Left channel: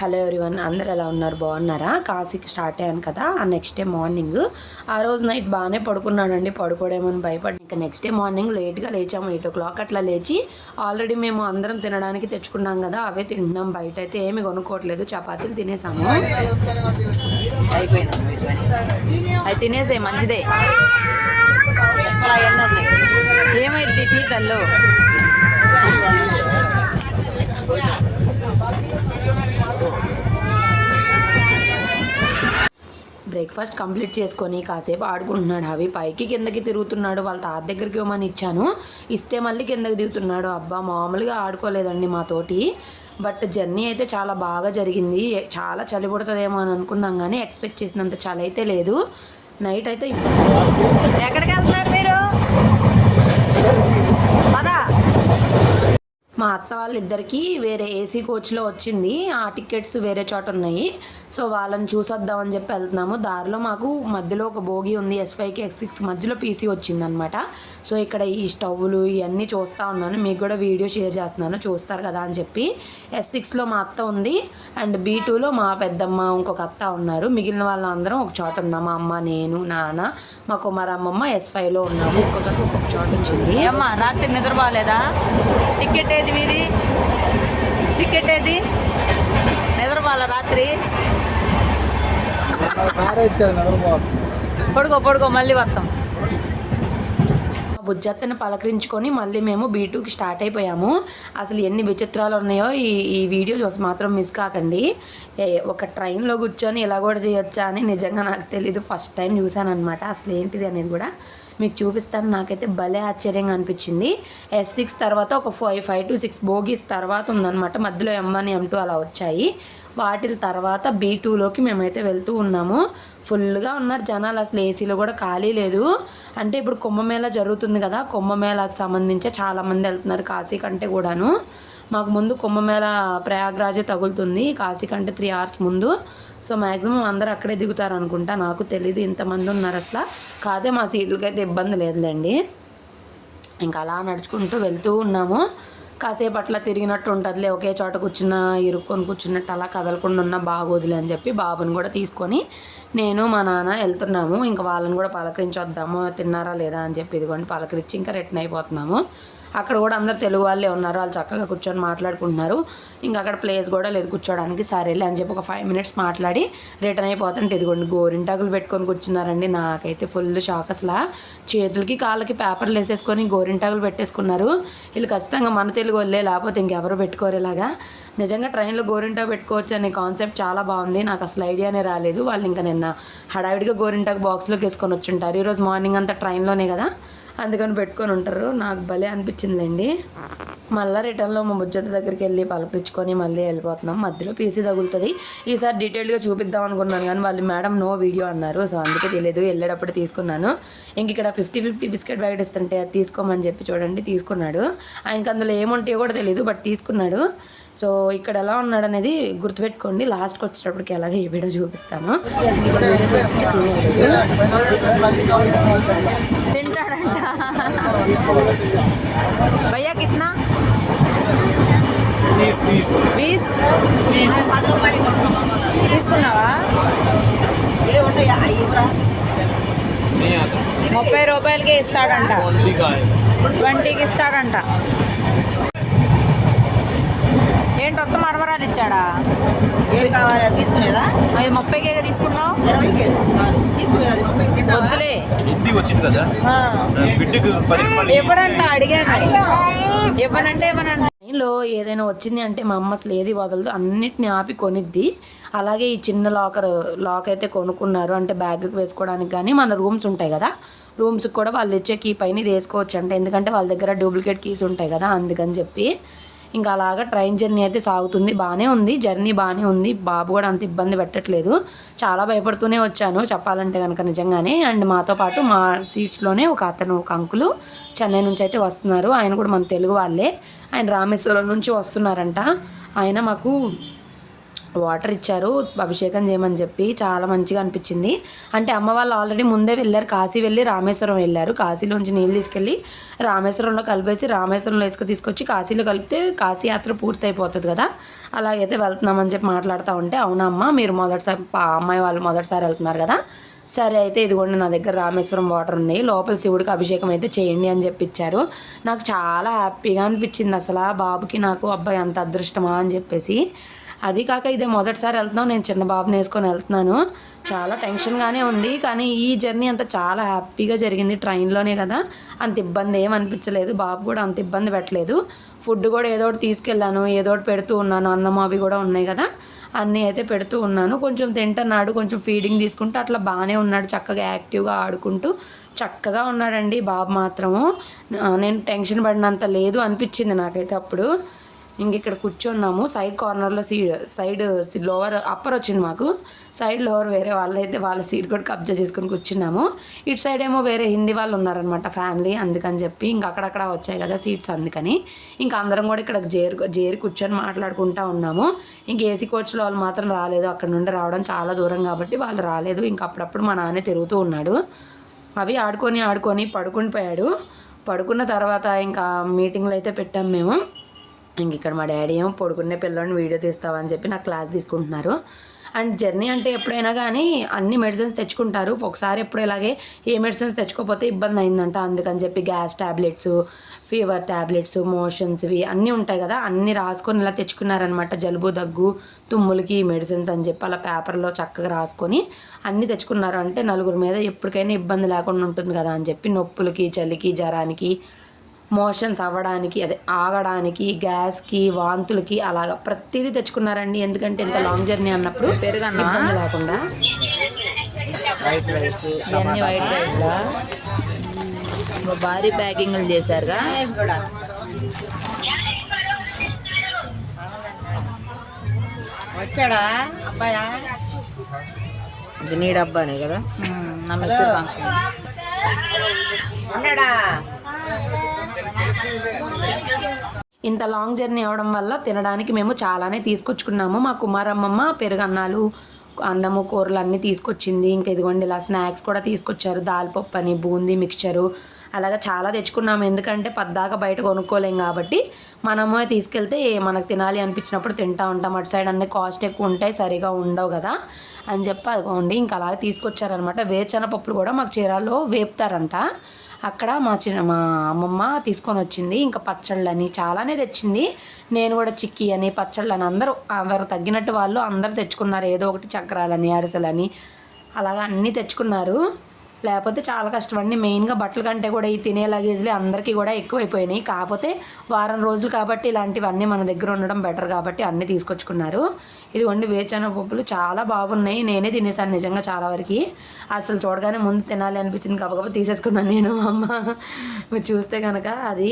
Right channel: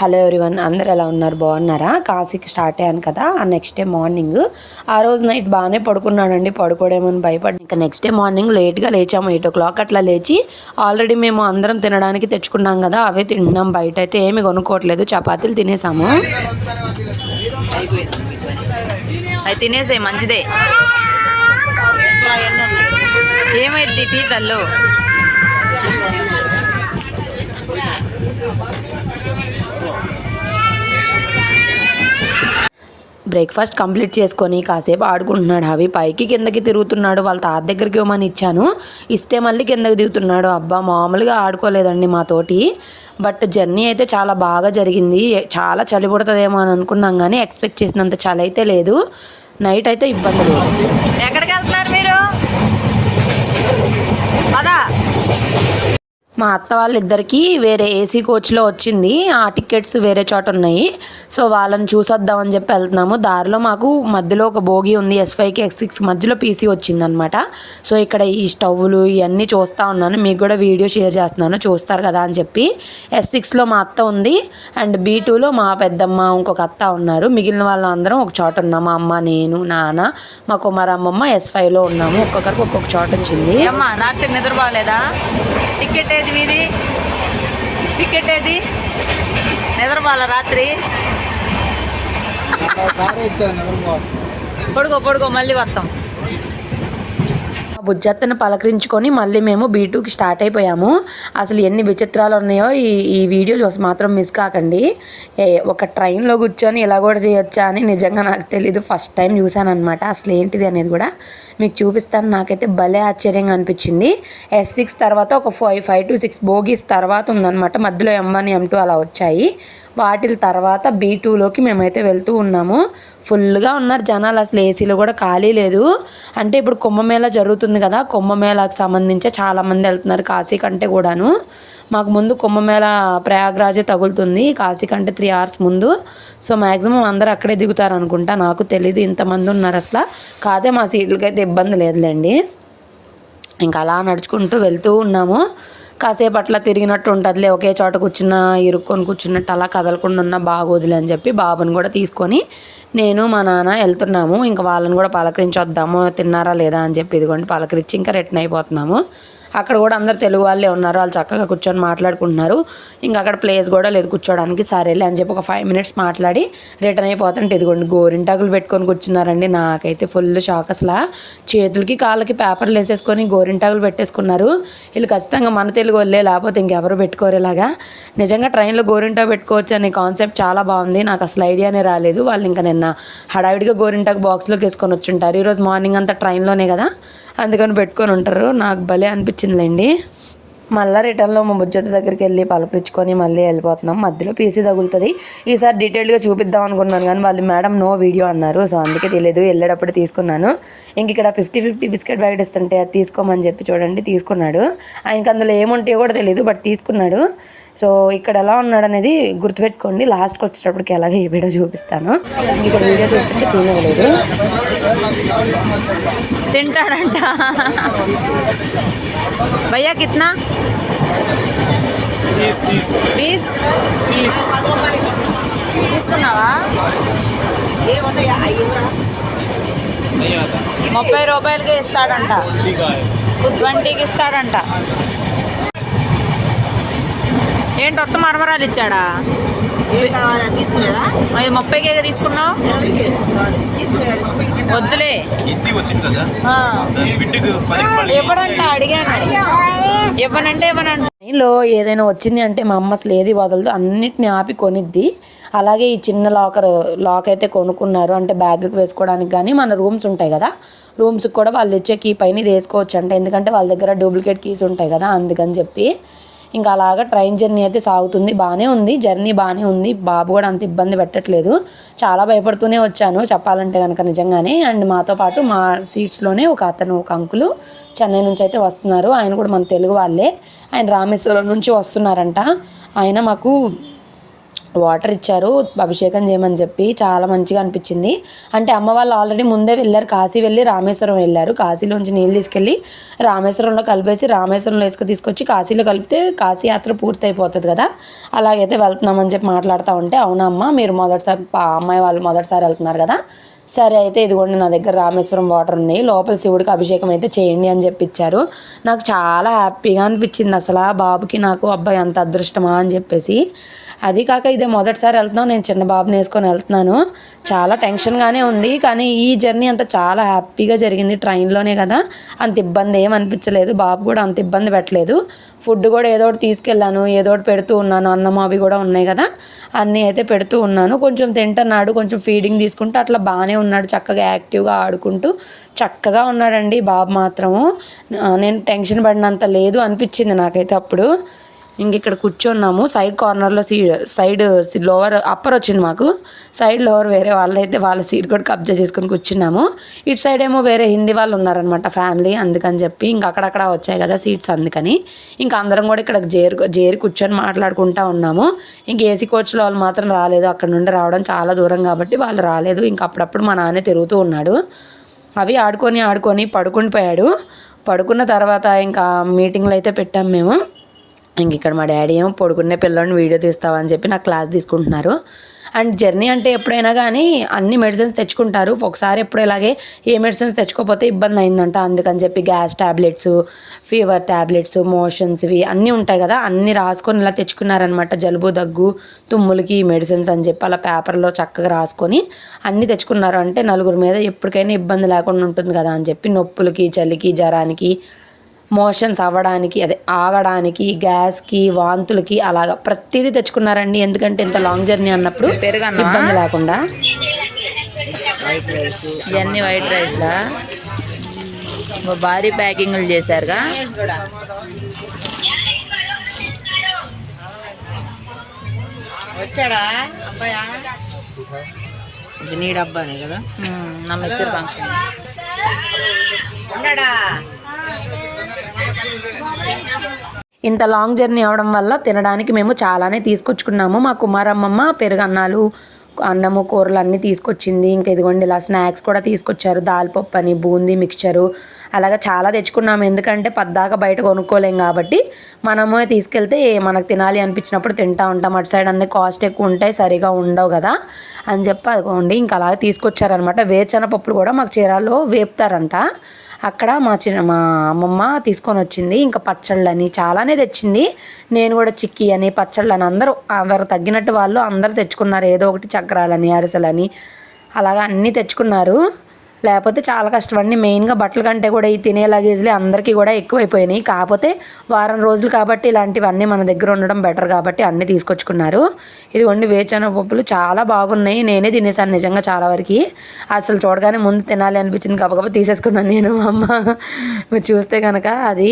Hello everyone, అందరు ఎలా ఉన్నారు? బాగున్నారా? కాశీకి స్టార్ట్ అయ్యాను కదా, ఆ నెక్స్ట్ డే మార్నింగ్ ఆ రోజు నైట్ బాగానే పడుకున్నానండి. పడుకోవడేమని భయపడి ఇంకా నెక్స్ట్ డే మార్నింగ్ లేట్గా లేచాము. 8 o'clock అట్లా లేచి ఆల్రెడీ మేము అందరం తినడానికి తెచ్చుకున్నాం కదా, అవే తింటున్నాం. బయట అయితే ఏమి కొనుక్కోవట్లేదు, చపాతీలు తినేసాము. అవి తినేసే మంచిదే. ఏమైంది టీ తల్లు? బ్రేక్ఫాస్ట్ కంప్లీట్ చేసుకొని కాసేపు ఆడుకుంటున్నాడు. అవి పైకి కిందకి తిరుగుతున్నాడు. వాళ్ళ తాత దగ్గరికి ఇవ్వమని ఇచ్చాను, ఇస్తే మళ్ళీ కిందకి దిగుతున్నాడు. అబ్బా, మామూలుగా ఆడుకోలేదండి మాతోటి. బట్ జర్నీ అయితే చాలా బాగా జరిగింది. చాలా చలి పుడుతుందేమో అని అనుకున్నాం, కానీ ఎక్స్పెక్ట్ చేసినంత చలి అయితే లేదు. నైట్ అయితే ఇబ్బంది. ఎక్కడికి వెళ్తున్నారు మీరు? పదా. మా అత్త వాళ్ళిద్దరికీ వేరే ఏసీ కోచ్లో వచ్చింది. ఆ టికెట్స్ వేరే చోట ఉన్నాయి. సో వాళ్ళని చూసొద్దామని చెప్పి వెళ్తున్నాము. దారిలో మాకు మధ్యలో ఒక బోగి ఉంది, S5కి X6 మధ్యలో పీసీ వచ్చిందనమాట. సో ఇక్కడ ఈ స్టవ్లు ఇవన్నీ చూస్తూ ఉన్నాను, మీకు కూడా వీడియో షేర్ చేస్తున్నాను, చూస్తారు కదా అని చెప్పి. S6లో మా అత్త ఉంది, అండ్ B2లో మా పెద్దమ్మ ఇంకొక అత్త ఉన్నారు. మిగిలిన వాళ్ళందరం ఒక చోట ఉన్నాము. అమ్మ, నేను, నాన్న, మా కుమారమ్మమ్మ S5లో ఉన్నాము. ఒక్కొక్కరికి ఒక్కొక్క చోట వచ్చింది. అమ్మా, రాత్రి నిద్ర బాగాలేదా? టికెట్ ఏది మీది? టికెట్ ఏది? నిద్రపోవాల రాత్రి? పడుకో మళ్ళీ వస్తాం. బుజ్జత్తను పలకరించుకొని మళ్ళీ మేము B2కి స్టార్ట్ అయిపోయాము. అసలు ఎన్ని విచిత్రాలు ఉన్నాయో ఈ వీడియో చూసి మాత్రం మిస్ కాకండి. ఒక ట్రైన్లో కూర్చొని ఇలా కూడా చేయొచ్చా అని నిజంగా నాకు తెలీదు, ఫస్ట్ టైం చూశాను అనమాట. అసలు ఏంటిది అనేది కూడా మీకు చూపిస్తాను. నాకైతే భలే ఆశ్చర్యంగా అనిపించింది. S6 తర్వాత ఒక 5 to 6 బోగీస్ తర్వాత ఉందన్నమాట. మధ్యలో M1 M2 అలా వచ్చాయి. వాటి తర్వాత B2లోకి మేమైతే వెళ్తూ ఉన్నాము. ఫుల్గా ఉన్నారు జనాలు, అసలు ఏసీలో కూడా ఖాళీ లేదు. అంటే ఇప్పుడు కుంభమేళా జరుగుతుంది కదా, కుంభమేళాకి సంబంధించి చాలామంది వెళ్తున్నారు కాశీ కంటే కూడాను. మాకు ముందు కుంభమేళా ప్రయాగ్రాజే తగులుతుంది, కాశీ కంటే 3 hours ముందు. సో మ్యాక్సిమం అందరూ అక్కడే దిగుతారు అనుకుంటా, నాకు తెలీదు ఇంతమంది ఉన్నారు అసలు. కాదే మా సీట్లకైతే ఇబ్బంది లేదులేండి. ఇంకా అలా నడుచుకుంటూ వెళ్తూ ఉన్నాము. కాసేపు అట్లా తిరిగినట్టు ఉంటుందిలే, ఒకే చోట ఇరుక్కొని కూర్చున్నట్టు అలా కదలకుండా ఉన్న బాగోదులే అని చెప్పి బాబుని కూడా తీసుకొని నేను మా నాన్న వెళ్తున్నాము. ఇంకా వాళ్ళని కూడా పలకరించి వద్దాము, తిన్నారా లేదా అని చెప్పి ఇదిగోండి పలకరించి ఇంకా రిటర్న్ అయిపోతున్నాము. అక్కడ కూడా అందరు తెలుగు వాళ్ళే ఉన్నారు, వాళ్ళు చక్కగా కూర్చొని మాట్లాడుకుంటున్నారు. ఇంకా అక్కడ ప్లేస్ కూడా లేదు కూర్చోడానికి. సరేలే అని చెప్పి ఒక 5 minutes మాట్లాడి రిటర్న్ అయిపోతుంటే ఇదిగోండి గోరింటాకులు పెట్టుకొని కూర్చున్నారండి. నాకైతే ఫుల్ షాక్. అసలు చేతులకి కాళ్ళకి పేపర్లు వేసేసుకొని గోరింటాకులు పెట్టేసుకున్నారు. వీళ్ళు ఖచ్చితంగా మన తెలుగు వాళ్ళే, లేకపోతే ఇంకెవరు పెట్టుకోరు ఇలాగా. నిజంగా ట్రైన్లో గోరింటాకు పెట్టుకోవచ్చు అనే కాన్సెప్ట్ చాలా బాగుంది, నాకు అసలు ఐడియానే రాలేదు. వాళ్ళు ఇంకా నిన్న హడావిడిగా గోరింటాకు బాక్స్లోకి వేసుకొని వచ్చుంటారు. ఈరోజు మార్నింగ్ అంతా ట్రైన్లోనే కదా, అందుకని పెట్టుకొని ఉంటారు. నాకు భలే అనిపించిందిలేండి. మళ్ళీ రిటర్న్లో మా బుజ్జత దగ్గరికి వెళ్ళి పలకరించుకొని మళ్ళీ వెళ్ళిపోతున్నాం. మధ్యలో పీసీ తగులుతుంది. ఈసారి డీటెయిల్గా చూపిద్దాం అనుకున్నాను, కానీ వాళ్ళు మేడం నో వీడియో అన్నారు. సో అందుకే తెలియదు, వెళ్ళేటప్పుడు తీసుకున్నాను. ఇంక ఇక్కడ 50-50 బిస్కెట్ ప్యాకెట్ ఇస్తుంటే అది తీసుకోమని చెప్పి చూడండి తీసుకున్నాడు. ఆయనకి అందులో ఏముంటాయో కూడా తెలియదు, బట్ తీసుకున్నాడు. సో ఇక్కడ ఎలా ఉన్నాడు అనేది గుర్తుపెట్టుకోండి, లాస్ట్కి వచ్చేటప్పటికి ఎలాగో ఈ వీడియో చూపిస్తాను. ఇక్కడ వీడియో చూస్తుంటే చూడలేదు, తింటాడంట. భయ్యా కిतना? 20 తీసుకున్నావా? 30 రూపాయలకి ఇస్తాడంట, 20కి ఇస్తాడంట. ఏంటి ఒక్క మరమరాలు ఇచ్చాడా? తీసుకునేదా? అది 30కే తీసుకున్నావు. వద్దులే, ఇవ్వడంట. అడిగాను, ఇవ్వనంటే ఇవ్వనంట. ట్రైన్లో ఏదైనా వచ్చింది అంటే మా అమ్మ అసలు ఏది వదలదు, అన్నిటిని ఆపి కొనిద్ది. అలాగే ఈ చిన్న లాక్ అయితే కొనుక్కున్నారు, అంటే బ్యాగ్కి వేసుకోవడానికి. కానీ మన రూమ్స్ ఉంటాయి కదా, రూమ్స్కి కూడా వాళ్ళు ఇచ్చే కీ పైన ఇది వేసుకోవచ్చు అంటే, ఎందుకంటే వాళ్ళ దగ్గర డూప్లికేట్ కీస్ ఉంటాయి కదా, అందుకని చెప్పి. ఇంకా అలాగా ట్రైన్ జర్నీ అయితే సాగుతుంది. బాగానే ఉంది జర్నీ, బాగానే ఉంది. బాబు కూడా అంత ఇబ్బంది పెట్టట్లేదు. చాలా భయపడుతూనే వచ్చాను చెప్పాలంటే కనుక నిజంగానే. అండ్ మాతో పాటు మా సీట్స్లోనే ఒక అంకులు చెన్నై నుంచి అయితే వస్తున్నారు. ఆయన కూడా మన తెలుగు వాళ్ళే. ఆయన రామేశ్వరం నుంచి వస్తున్నారంట. ఆయన మాకు వాటర్ ఇచ్చారు అభిషేకం చేయమని చెప్పి. చాలా మంచిగా అనిపించింది. అంటే అమ్మ వాళ్ళు ఆల్రెడీ ముందే వెళ్ళారు, కాశీ వెళ్ళి రామేశ్వరం వెళ్ళారు. కాశీలోంచి నీళ్ళు తీసుకెళ్ళి రామేశ్వరంలో కలిపేసి రామేశ్వరంలో ఇసుక తీసుకొచ్చి కాశీలో కలిపితే కాశీ యాత్ర పూర్తి అయిపోతుంది కదా, అలాగైతే వెళ్తున్నామని చెప్పి మాట్లాడుతూ ఉంటే, అవునమ్మా మీరు మొదటిసారి అమ్మాయి వాళ్ళు మొదటిసారి వెళ్తున్నారు కదా, సరే అయితే ఇదిగోండి నా దగ్గర రామేశ్వరం వాటర్ ఉన్నాయి, లోపల శివుడికి అభిషేకం అయితే చేయండి అని చెప్పి ఇచ్చారు. నాకు చాలా హ్యాపీగా అనిపించింది అసలు. బాబుకి నాకు అబ్బాయి అంత అదృష్టమా అని చెప్పేసి. అది కాక ఇదే మొదటిసారి వెళ్తున్నాను, నేను చిన్న బాబుని వేసుకొని వెళ్తున్నాను. చాలా టెన్షన్గానే ఉంది, కానీ ఈ జర్నీ అంతా చాలా హ్యాపీగా జరిగింది. ట్రైన్లోనే కదా, అంత ఇబ్బంది ఏం అనిపించలేదు. బాబు కూడా అంత ఇబ్బంది పెట్టలేదు. ఫుడ్ కూడా ఏదో ఒకటి తీసుకెళ్ళాను, ఏదో ఒకటి పెడుతూ ఉన్నాను. అన్నం అవి కూడా ఉన్నాయి కదా, అన్నీ అయితే పెడుతూ ఉన్నాను. కొంచెం తింటున్నాడు, కొంచెం ఫీడింగ్ తీసుకుంటూ అట్లా బాగానే ఉన్నాడు. చక్కగా యాక్టివ్గా ఆడుకుంటూ చక్కగా ఉన్నాడండి బాబు మాత్రము. నేను టెన్షన్ పడినంత లేదు అనిపించింది నాకైతే అప్పుడు. ఇంక ఇక్కడ కూర్చున్నాము సైడ్ కార్నర్లో. సైడ్ లోవర్ అప్పర్ వచ్చింది మాకు, సైడ్ లోవర్ వేరే వాళ్ళు అయితే వాళ్ళ సీట్ కూడా కబ్జా చేసుకుని కూర్చున్నాము. ఇటు సైడ్ ఏమో వేరే హిందీ వాళ్ళు ఉన్నారనమాట ఫ్యామిలీ, అందుకని చెప్పి ఇంక అక్కడక్కడ వచ్చాయి కదా సీట్స్, అందుకని ఇంకా అందరం కూడా ఇక్కడ జేరి కూర్చొని మాట్లాడుకుంటూ ఉన్నాము. ఇంక ఏసీ కోచ్లో వాళ్ళు మాత్రం రాలేదు, అక్కడ నుండి రావడం చాలా దూరం కాబట్టి వాళ్ళు రాలేదు. ఇంక అప్పుడప్పుడు మా నాన్న తిరుగుతూ ఉన్నాడు. అవి ఆడుకొని పడుకుని పోయాడు. పడుకున్న తర్వాత ఇంకా మీటింగ్లు అయితే పెట్టాము మేము. ఇంక ఇక్కడ మా డాడీ ఏమో పడుకునే పిల్లని వీడియో తీస్తావని చెప్పి నాకు క్లాస్ తీసుకుంటున్నారు. అండ్ జర్నీ అంటే ఎప్పుడైనా కానీ అన్ని మెడిసిన్స్ తెచ్చుకుంటారు. ఒకసారి ఎప్పుడు ఇలాగే ఏ మెడిసిన్స్ తెచ్చుకోకపోతే ఇబ్బంది అయిందంట, అందుకని చెప్పి gas tablets, fever tablets, motions ఇవి అన్నీ ఉంటాయి కదా, అన్నీ రాసుకొని ఇలా తెచ్చుకున్నారనమాట. జలుబు దగ్గు తుమ్ములకి మెడిసిన్స్ అని చెప్పి అలా పేపర్లో చక్కగా రాసుకొని అన్నీ తెచ్చుకున్నారు. అంటే నలుగురు మీద ఎప్పటికైనా ఇబ్బంది లేకుండా ఉంటుంది కదా అని చెప్పి నొప్పులకి, చలికి, జ్వరానికి, మోషన్స్ అవ్వడానికి, అదే ఆగడానికి, గ్యాస్కి, వాంతులకి అలాగా ప్రతిదీ తెచ్చుకున్నారండి. ఎందుకంటే ఇంత లాంగ్ జర్నీ అన్నప్పుడు ఇబ్బంది లేకుండా. ఇవన్నీ వైట్ రైస్లా భారీ ప్యాకింగ్లు చేశారుగా. వచ్చాడా అబ్బాయా? ఇది నీ డబ్బానే కదా, నా మిక్చర్ ఫంక్షన్ ఉన్నాడా? ఇంత లాంగ్ జర్నీ అవడం వల్ల తినడానికి మేము చాలానే తీసుకొచ్చుకున్నాము. మా కుమారమ్మమ్మ పెరుగన్నాలు, అన్నము, కూరలు అన్నీ తీసుకొచ్చింది. ఇంకా ఇదిగోండి ఇలా స్నాక్స్ కూడా తీసుకొచ్చారు. దాల్పప్పు అని, బూందీ మిక్చరు, అలాగా చాలా తెచ్చుకున్నాము. ఎందుకంటే పద్దాక బయట కొనుక్కోలేం కాబట్టి మనము తీసుకెళ్తే మనకు తినాలి అనిపించినప్పుడు తింటూ ఉంటాం. అటు సైడ్ అన్నీ కాస్ట్ ఎక్కువ ఉంటాయి, సరిగా ఉండవు కదా అని చెప్పి అదిగోండి ఇంకా అలాగే తీసుకొచ్చారనమాట. వేరుశనగపప్పులు కూడా మాకు చీరాల్లో వేపుతారంట. అక్కడ మా అమ్మమ్మ తీసుకొని వచ్చింది. ఇంకా పచ్చళ్ళని చాలానే తెచ్చింది. నేను కూడా చిక్కీ అని, పచ్చళ్ళని అందరూ ఎవరు తగ్గినట్టు వాళ్ళు అందరూ తెచ్చుకున్నారు. ఏదో ఒకటి చక్రాలని, అరిసెలని అలాగా అన్నీ తెచ్చుకున్నారు. లేకపోతే చాలా కష్టం అండి. మెయిన్గా బట్టల కంటే కూడా ఈ తినే లగేజ్లే అందరికీ కూడా ఎక్కువైపోయినాయి. కాకపోతే వారం రోజులు కాబట్టి ఇలాంటివన్నీ మన దగ్గర ఉండడం బెటర్ కాబట్టి అన్నీ తీసుకొచ్చుకున్నారు. ఇదిగోండి వేరుశనగ పప్పులు చాలా బాగున్నాయి. నేనే తినేసాను నిజంగా చాలా వరకు. అసలు చూడగానే ముందు తినాలి అనిపించింది, గబగబా తీసేసుకున్నాను నేను. అమ్మ మీరు చూస్తే కనుక అది.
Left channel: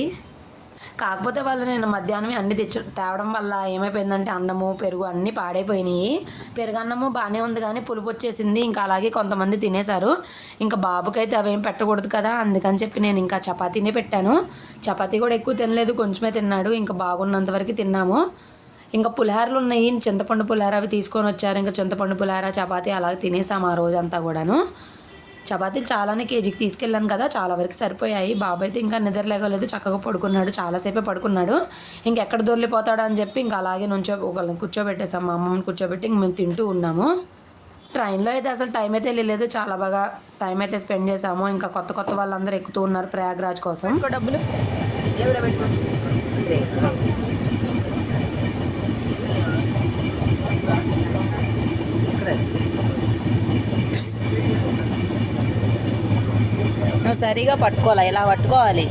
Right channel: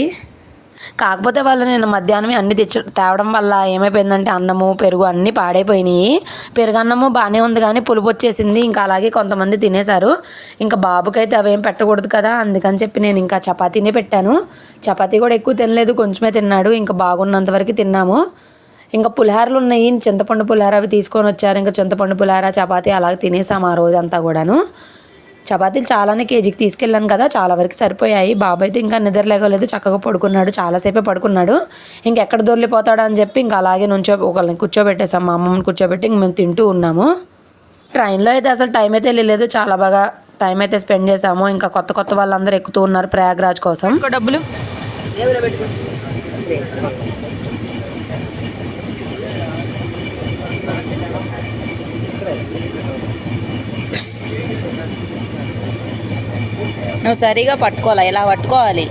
కాకపోతే వాళ్ళు నేను మధ్యాహ్నమే అన్నీ తేవడం వల్ల ఏమైపోయిందంటే అన్నము, పెరుగు అన్నీ పాడైపోయినాయి. పెరుగన్నము బాగానే ఉంది కానీ పులుపు వచ్చేసింది. ఇంకా అలాగే కొంతమంది తినేశారు. ఇంకా బాబుకైతే అవేం పెట్టకూడదు కదా, అందుకని చెప్పి నేను ఇంకా చపాతీనే పెట్టాను. చపాతీ కూడా ఎక్కువ తినలేదు, కొంచెమే తిన్నాడు. ఇంకా బాగున్నంత వరకు తిన్నాము. ఇంకా పులిహారలు ఉన్నాయి, చింతపండు పులిహార అవి తీసుకొని వచ్చారు. ఇంకా చింతపండు పులిహార, చపాతీ అలాగే తినేసాము ఆ రోజంతా కూడాను. చపాతీలు చాలానే కేజీకి తీసుకెళ్ళాను కదా, చాలా వరకు సరిపోయాయి. బాబు అయితే ఇంకా నిద్ర లేగలేదు, చక్కగా పడుకున్నాడు, చాలాసేపే పడుకున్నాడు. ఇంకెక్కడ దొర్లిపోతాడో అని చెప్పి ఇంకా అలాగే ఒకళ్ళని కూర్చోబెట్టేసాం, మా అమ్మమ్మని కూర్చోబెట్టి ఇంక మేము తింటూ ఉన్నాము. ట్రైన్లో అయితే అసలు టైం అయితే వెళ్ళలేదు, చాలా బాగా టైం అయితే స్పెండ్ చేసాము. ఇంకా కొత్త వాళ్ళందరూ ఎక్కుతూ ఉన్నారు ప్రయాగ్రాజ్ కోసం. డబ్బులు నువ్వు సరిగా పట్టుకోవాలి, ఇలా పట్టుకోవాలి,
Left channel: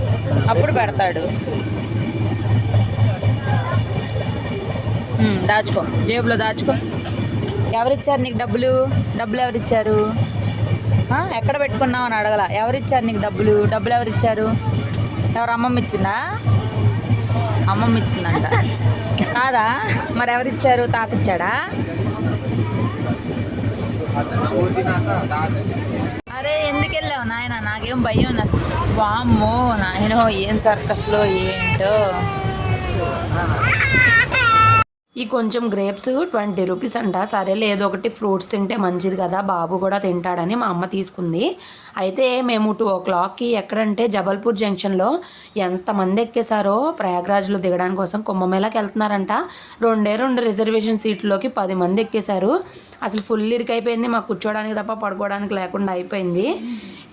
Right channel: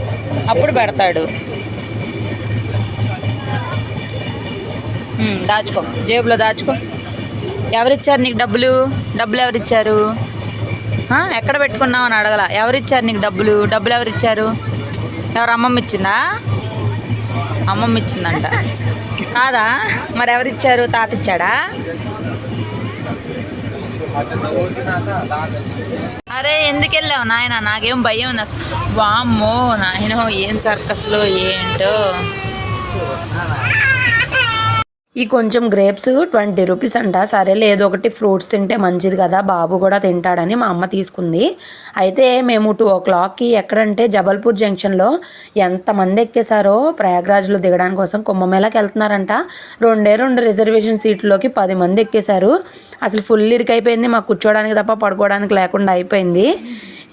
అప్పుడు పెడతాడు. దాచుకో, జేబులో దాచుకో. ఎవరిచ్చారు నీకు డబ్బులు? డబ్బులు ఎవరిచ్చారు? ఎక్కడ పెట్టుకున్నావు అని అడగల. ఎవరిచ్చారు నీకు డబ్బులు? డబ్బులు ఎవరిచ్చారు? ఎవరు? అమ్మమ్మ ఇచ్చిందా? అమ్మమ్మ ఇచ్చిందంట కాదా? మరి ఎవరిచ్చారు? తాత ఇచ్చాడా? అరే ఎందుకు వెళ్ళావు నాయన? నాకేం భయం ఉంది అసలు. వామ్మో నాయన, ఏం సర్కస్లో ఏంటో. ఈ కొంచెం గ్రేప్స్ 20 రూపీస్ అంట. సరేలే ఏదో ఒకటి ఫ్రూట్స్ తింటే మంచిది కదా, బాబు కూడా తింటాడని మా అమ్మ తీసుకుంది. అయితే మేము 2:00కి ఎక్కడంటే జబల్పూర్ జంక్షన్లో ఎంతమంది ఎక్కేశారో ప్రయాగ్రాజ్లో దిగడానికి కోసం. కుంభమేళాకి వెళ్తున్నారంట. 2 రిజర్వేషన్ సీట్లోకి 10 మంది ఎక్కేశారు. అసలు ఫుల్ ఇరికైపోయింది, మాకు కూర్చోడానికి తప్ప పడుకోవడానికి లేకుండా అయిపోయింది.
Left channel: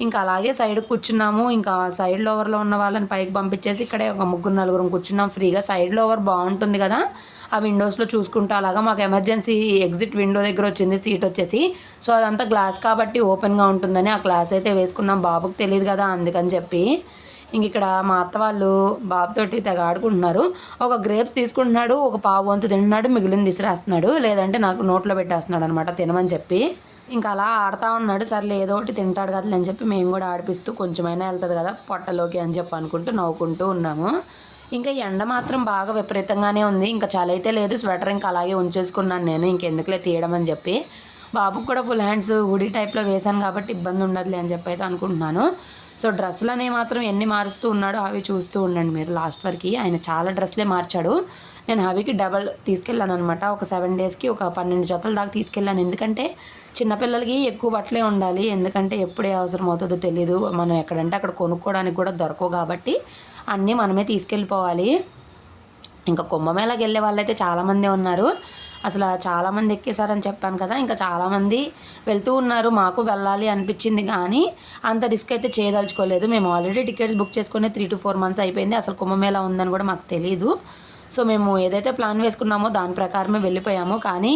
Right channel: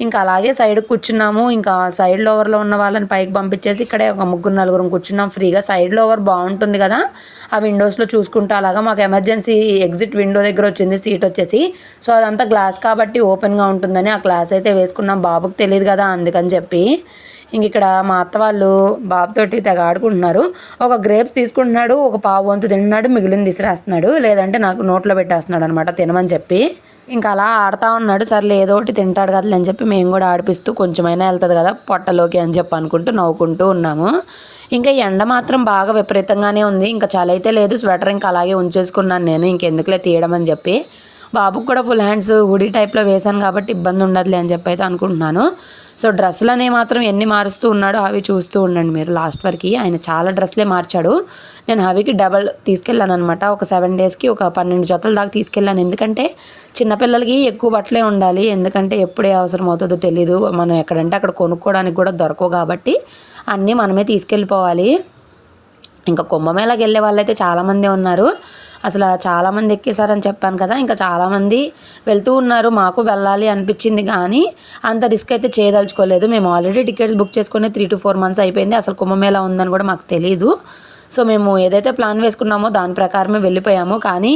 ఇంకా అలాగే సైడ్కి కూర్చున్నాము. ఇంకా సైడ్ లోవర్లో ఉన్న వాళ్ళని పైకి పంపించేసి ఇక్కడే ఒక 3-4 కూర్చున్నాం ఫ్రీగా. సైడ్ లోవర్ బాగుంటుంది కదా, ఆ విండోస్లో చూసుకుంటూ అలాగా. మాకు ఎమర్జెన్సీ ఎగ్జిట్ విండో దగ్గర వచ్చింది సీట్ వచ్చేసి. సో అదంతా గ్లాస్ కాబట్టి ఓపెన్గా ఉంటుందని ఆ గ్లాస్ అయితే వేసుకున్నాం. బాబుకి తెలియదు కదా అందుకని చెప్పి. ఇంక ఇక్కడ మా అత్త వాళ్ళు బాబుతోటి తెగ ఆడుకుంటున్నారు. ఒక గ్రేప్స్ తీసుకుంటున్నాడు, ఒక పావు వంతు తింటున్నాడు, మిగిలింది విసిరేస్తున్నాడు, లేదంటే నాకు నోట్లో పెట్టేస్తున్నాడు అనమాట తినమని చెప్పి. ఇంకా అలా ఆడుతూ ఉన్నాడు. సర్లే ఏదో ఒకటి తింటాడు కదా అని చెప్పి మేము కూడా ఆడిపిస్తూ కొంచెమైనా వెళ్తుంది కదా పొట్టలోకి అని చెప్పి అనుకుంటూ నవ్వుకుంటూ ఉన్నాము. ఇంకా ఎండ మాత్రం బాగా విపరీతంగానే ఉంది. ఇంకా చలి అయితే లేదు, స్వెటర్ ఇంకా అలాగే ఉంచేసుకున్నాను నేను, ఇంకెందుకులే తీయడం అని చెప్పి. బాబుకు కూడా ఫుల్ హ్యాండ్స్ హుడీ టైప్లో వేశాను కాబట్టి ఇబ్బంది ఉండదులే అని చెప్పి అయితే అనుకుంటున్నాను. సో డ్రెస్సులు అనేవి మాత్రం ఎన్ని మారుస్తూ ఉన్నాడో అవి చూస్తూ ఉండండి మీరు లాస్ట్ వరకు. ఆయన చాలా డ్రెస్సులే మార్చాడు. నేను హవికి డబల్ తీసుకెళ్ళాను అనమాట. ఒక 7 డేస్కి ఒక 12 జతల దాకా తీసుకెళ్ళాను. ఎందుకంటే చిన్నపిల్లలకి ఎక్కువ బట్టలే ఉండాలి, ఎందుకంటే ఎప్పుడే అవసరం అవుతుందో తెలీదు. మనం ఎక్కడంటే అక్కడ కొనుక్కోవడానికి కూడా దొరకవు కాబట్టి అన్నీ మనమే తీసుకెళ్ళిపోవాలి. ఇంకా కుంభమేళాకి వెళ్ళే వాళ్ళైతే చాలామంది ఉన్నారు. అసలు చాలామంది ఎక్కేశారని చెప్పాను కదా, ఇంకా చాలామంది వెళ్తూ ఉన్నారు. మాకు వెళ్ళాలి అనిపించింది కానీ అంత రిస్క్ అయితే చేయదలుచుకోలేదు. మేము ఆల్రెడీ టికెట్స్ బుక్ చేసుకుని 3 to 4 months అయిపోయింది. అసలు కుంభమేళా ఉందని కూడా మాకు తెలీదు. సో మేము ఏదైతే ప్లాన్ వేసుకున్నామో దాని ప్రకారమే వెళ్ళిపోయాము. కానీ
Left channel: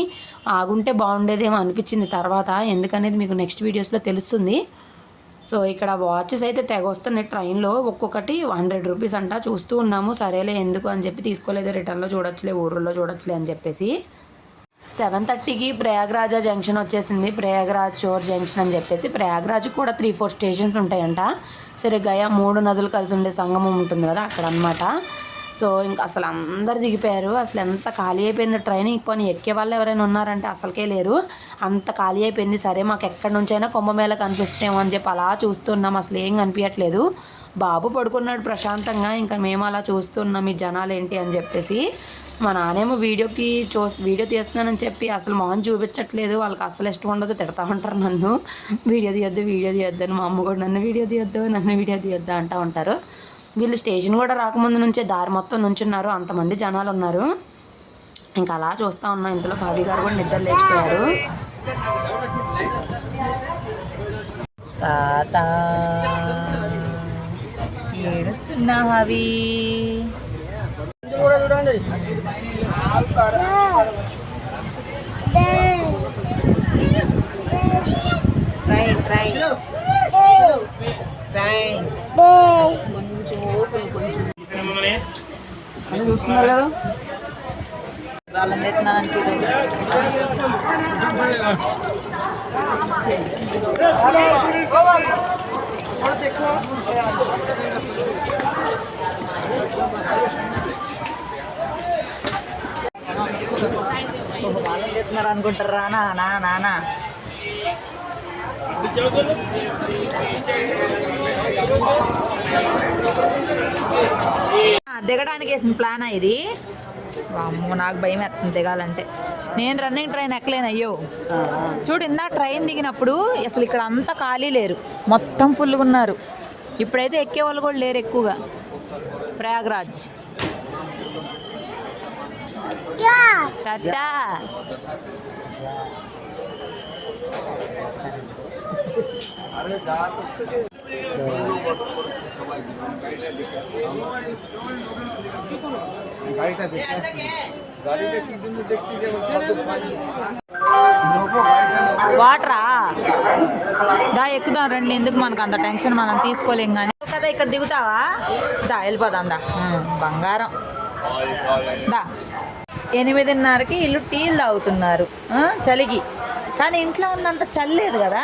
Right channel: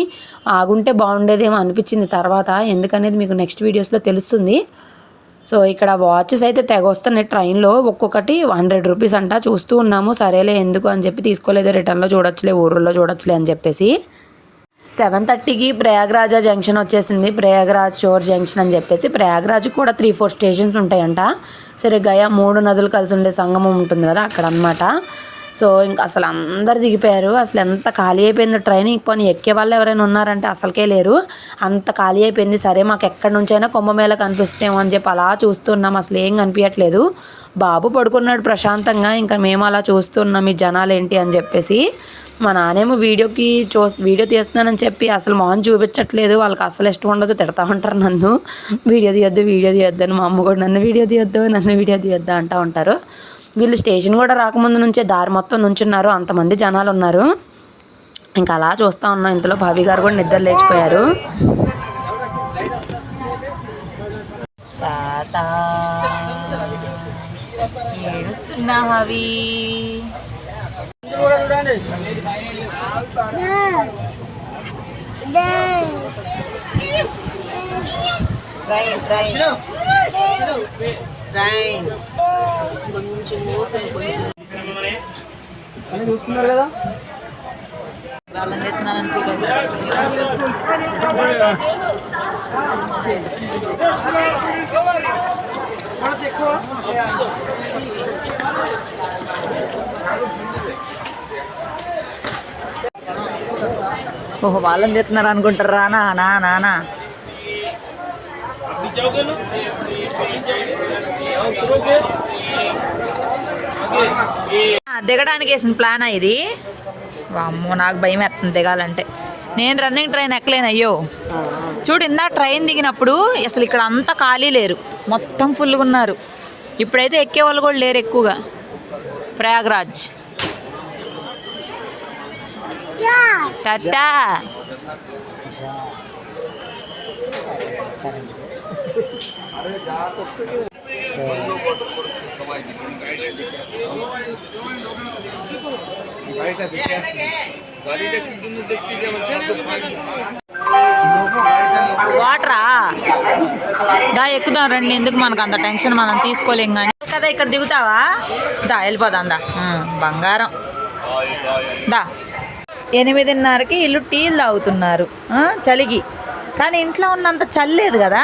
ఆగుంటే బాగుండేదేమో అనిపించింది తర్వాత, ఎందుకనేది మీకు నెక్స్ట్ వీడియోస్లో తెలుస్తుంది. సో ఇక్కడ వాచెస్ అయితే తెగ వస్తున్నాయి ట్రైన్లో, ఒక్కొక్కటి 100 రూపీస్ అంట. చూస్తూ ఉన్నాము, సరేలే ఎందుకు అని చెప్పి తీసుకోలేదు. రిటర్న్లో చూడొచ్చులే, ఊర్లో చూడొచ్చులే అని చెప్పేసి. 7:30కి ప్రయాగ్రాజ్ జంక్షన్ వచ్చేసింది. ప్రయాగ్రాజ్ షోర్ జంక్షన్ అని చెప్పేసి. ప్రయాగ్రాజ్ కూడా 3-4 స్టేషన్స్ ఉంటాయంట. సరే గయా 3 నదులు కలిసి ఉండే సంగమం ఉంటుంది కదా అక్కడ అనమాట. సో ఇంకా అసలు అందరు దిగిపోయారు. అసలు ఎంత ఖాళీ అయిపోయిందో ట్రైన్. పోనీ ఎక్కే వాళ్ళు ఎవరైనా ఉన్నారంటే అసలుకే లేరు, అంత ఖాళీ అయిపోయింది. సరే మాకు ఎక్కడి నుంచైనా కుంభమేళా కనిపిస్తేమో అని చెప్పి అలా చూస్తున్నాం. అసలు ఏం కనిపించట్లేదు. బాబు పడుకున్నాడు ప్రశాంతంగా, ఇంకా మేము అలా చూస్తున్నాం ఈ జనాలు ఏంటి అని చెప్పేసి. మా నానేమో వీడియో తీస్తున్నానని చెప్పి అసలు మొహం చూపించట్లేదు. వాళ్ళకి అసలు ఇష్టం ఉండదు, తిడతా ఉంటారు నన్ను. వీడియో తీయొద్దు అని. మా అమ్మ కూడా నన్ను వీడియో తీయొద్దు అంటూ ఉంటారు. వీళ్ళు స్టేషన్ కూడా రాకముందు నుంచే దారి మొత్తం నుంచున్నారు, అంతమంది జనాలు ఉన్నారు. ఇంకా అలా చూస్తూ ఉన్నాం. ఇంతలో భావి గారు కూడా నిద్ర లేచిపోయారు. తాత ఏడుస్తున్నా హవి. ట్రైన్ కొంచెం ఓపెన్, కొంచెం చూస్తున్నారు కదా వాళ్ళని తెస్తున్నానని ఫీల్ ఓహో, వాళ్ళని తెస్తున్నారు అనుకుంటారా నానా. దిగడానికి వేసిన ప్లానా ఇది? అమ్మో నాకు భయం వేస్తుంది దిగాలంటే. నేను రన్నింగ్ ట్రైన్ ఎక్కలేను. అయ్యో చూడు, ఇందా ట్రైన్ దిగినప్పుడు అసలు ఇక్కడ అంతా ఖాళీ లేరు, మొత్తం ఫుల్గా ఉన్నారు. ఇప్పుడైతే ఎక్కేవాళ్ళు కూడా లేరు ఎక్కువగా. ప్రయాగ్రాజ్ టాటా. వాటరా దా ఎక్కుదాం రండి, ఎందుకు మనకు అంత టెన్షన్, మనం తీసుకోలేం కానీ కదా. ఇక్కడ దిగుతావా? దా వెళ్ళిపోదాం దా. బంగారం దా. 8:30కి ఇల్లు టీలు తాగుతున్నారు చలికి. కానీ ఇంట్లో ఉన్నంత చల్లేదు కదా,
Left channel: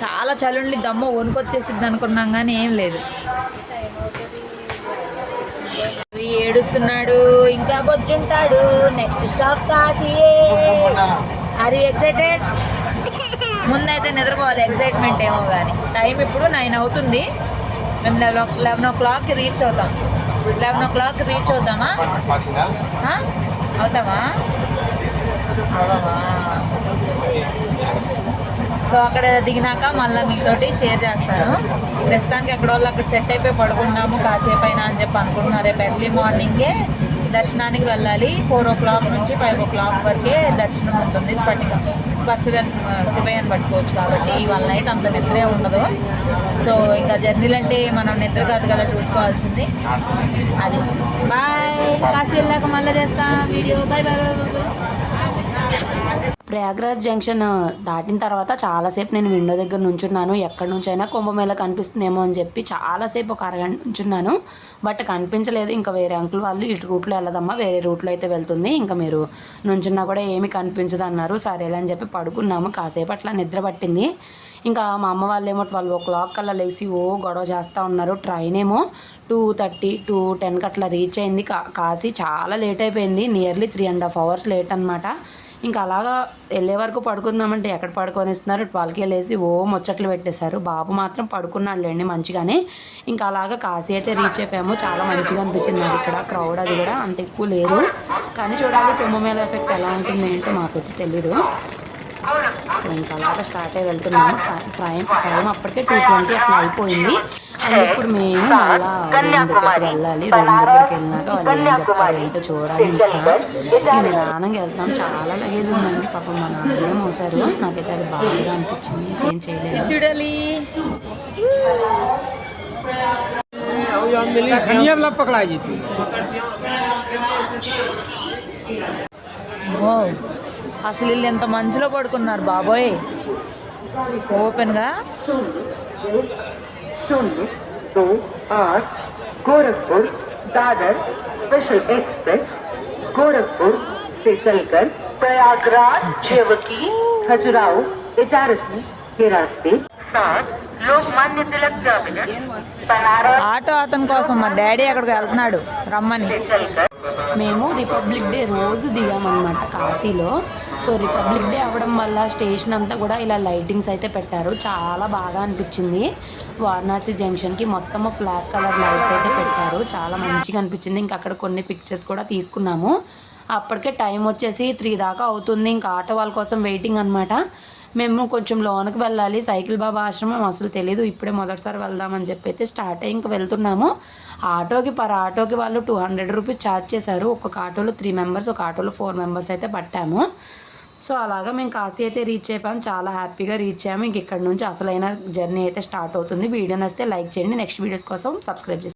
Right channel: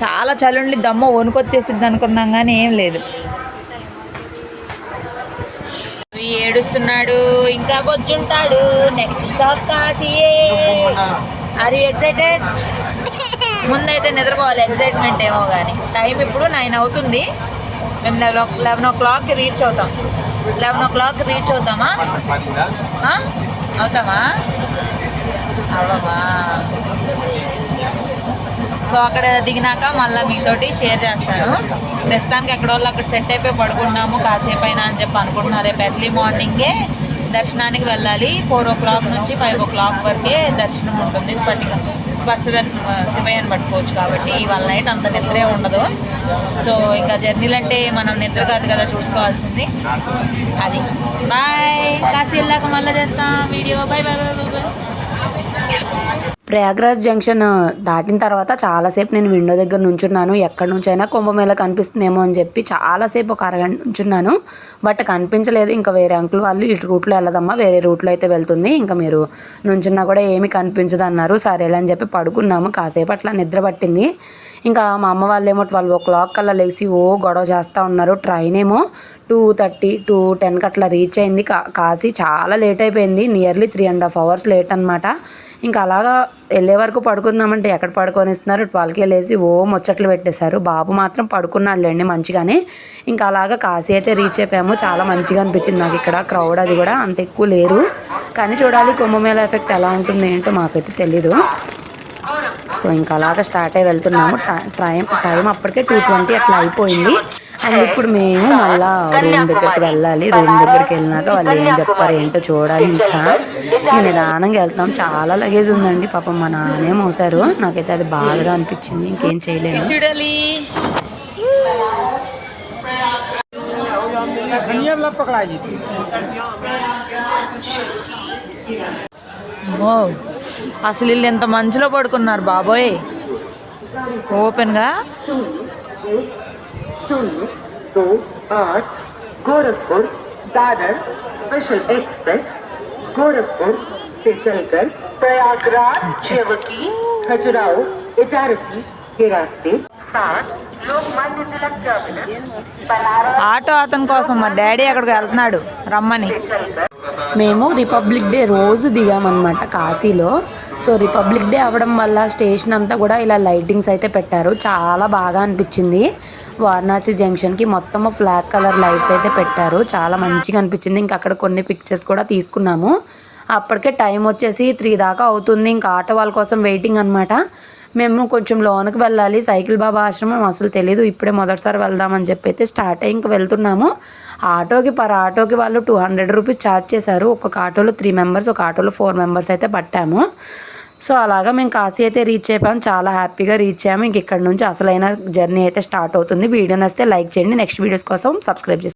చాలా చలి ఉండి దమ్మ వణుకొచ్చేసిద్ది అనుకున్నాం కానీ ఏం లేదు. ఏడుస్తున్నాడు, ఇంకా బొజ్జుంటాడు. నెక్స్ట్ స్టాప్ కాశీయే. Are you excited? ముందైతే నిద్రపోవాలి, ఎక్సైట్మెంట్ ఏమో కానీ. టైం ఇప్పుడు 9 అవుతుంది. మేము 11 o'clock రీచ్ అవుతాం. 11 o'clock రీచ్ అవుతామా? అవుతావా? అవ్వవా? సో అక్కడ దిగినాక మళ్ళీ మీతోటి షేర్ చేస్తాను. ప్రస్తుతానికి ఎక్కడ వాళ్ళు అక్కడ సెట్ అయిపోయి పడుకున్నాము కాసేపు అయినా అని చెప్పి అనుకుంటున్నారు. రేపు ఎర్లీ మార్నింగే దర్శనానికి వెళ్ళాలి. 4 o'clock నుంచి 5 o'clock వరకే దర్శనం ఉంటుంది. స్పర్శ దర్శనం శివయ్యని పట్టుకోవచ్చు కాబట్టి ఇవాళ నైట్ అంత నిద్రే ఉండదు. సో ఇంకా జర్నీలు అంటే మనం నిద్ర కాదు కదా చూసుకోవాల్సింది. అది బాయ్. కాశీ వెళ్ళాక మళ్ళీ చేస్తాం video. Bye bye bye bye bye. Prayagraj junction దాటిన తర్వాత చాలాసేపు నేను విండో దగ్గర నుంచున్నాను. ఎక్కడి నుంచైనా కుంభమేళ కనిపిస్తుందేమో అని చెప్పి చాలాసేపు ఒక అరగంట నుంచున్నాను. బట్ కనిపించలేదు. ఇంకా వేరే అంకుల్ వాళ్ళు ఇటు రూట్లో వెళ్ళదమ్మా, వేరే రూట్లో అయితే వెళ్తుంది, ఇంకా మీరు నుంచున్నా కూడా ఏమీ కనిపించదు అన్నారు. సరేలే అని చెప్పి పడుకున్నాము. కాసేపు అట్లా నిద్ర పట్టింది. ఇంకా మా అమ్మ వాళ్ళేమో 12 o'clock కల్లా లేచి గొడవ చేస్తూ ఉన్నారు. ట్రైన్ ఏమో 2:30, 2:10కి అట్లా రీచ్ అయింది. కాశీ చాలా లేట్ అయిపోయింది. నియర్లీ 3.5 hours లేట్ అనమాట. ఇంకా అలాగా వెళ్ళే వరకు పడుకుందామంటే ఎక్కడ పడుకొని ఇస్తున్నారు. 12కే లేచి ముచ్చట్లు పెట్టేశారు. బాబు మాత్రం పడుకున్నాడులేండి మంచిగానే. ఇంకా అలాగా కాశీ అయితే రీచ్ అయిపోయాము. చాలా మంచిగా అనిపించింది నాకు. ఇక్కడ క్రౌడ్ అది కూడా అంత ఎక్కువ లేరు. కానీ చూడాలి కుంభమేళ ఎఫెక్ట్ ఎలా ఉంటుంది ఏంటో మాకైతే తెలీదు. సో ఇంకా అలాగా స్టార్ట్ అయ్యి వెళ్తున్నాము. టైం అప్పటికే 2:20 అట్లా అయిపోయింది. అండ్ ఇప్పుడు మేము మళ్ళీ రూమ్ దగ్గరికి వెళ్ళాలి. రూమ్ దగ్గరికి వెళ్ళినాక వాళ్ళు ఏం చెప్తారు ఏంటో చూడాలి. ఇంకా నిదానంగా వెళ్తాం. చాలా లగేజ్ ఉందండి. పాపం మా నాన్నే మోసారు. నాకైతే అది బాగా అనిపించింది. ఇంకేం చేయలేదు. చూడాలి. అసలు వీళ్ళు ఎంత మంచులో పడుకున్నారు బాబోయ్. ఓపెన్గా गोरखपुर दादर स्पेशल एक्सप्रेस गोरखपुर से चलकर प्रयागराज शेवकी खजुराहो इटारसी के रास्ते साथ लोकमान्य तिलक टर्मिनल बनारस ఆటో అతని కోసం మా డాడీ అక్కడికి వెళ్తున్నాడు రమ్మని. మేము రిపబ్లిక్ డే రోజు దిగామన్నమాట కాశీలో. సో రిపబ్లిక్ డే అవ్వడం వల్ల స్టేషన్ అంతా కూడా ఇలా లైటింగ్స్ అయితే పెట్టారు. చాలా బాగా అనిపించింది. వారణాసి జంక్షన్కి మొత్తం ఫ్లాగ్ కలర్ లైట్స్ అయితే పెట్టారు. చాలా మంచిగా అనిపించింది. ఇంకా అక్కడ కొన్ని పిక్చర్స్ కూడా తీసుకున్నాము. అప్పటికే టైం వచ్చేసి 3 దాకా అవుతుంది. ఇంకా ఆటో వాళ్ళ కోసం వెయిటింగ్ అనమాట. మేము కొంచెం లోనికి వెళ్ళాలి. సైకిల్ బాబా ఆశ్రమం అసలు తెలీదు. ఇప్పుడే మొదటిసారి వెళ్దామని చెప్పి అయితే స్టార్ట్ అయ్యి ఇంక వెళ్తున్నాము. ఆటోకి వాళ్ళు 200 రూపీస్ ఛార్జ్ చేశారు. ఒక్కొక్క ఆటోలో 3 members, ఒక ఆటోలో 4 members అయితే పట్టాము. సో అలాగా మేము కాశీ అయితే రీచ్ అయిపోయాము. చాలా హ్యాపీగా రీచ్ అయ్యాము. ఇంక ఇక్కడ నుంచి అసలైన జర్నీ అయితే స్టార్ట్ అవుతుంది. వీడియో నచ్చితే లైక్ చేయండి. నెక్స్ట్ వీడియోస్ కోసం సబ్స్క్రైబ్ చేయండి.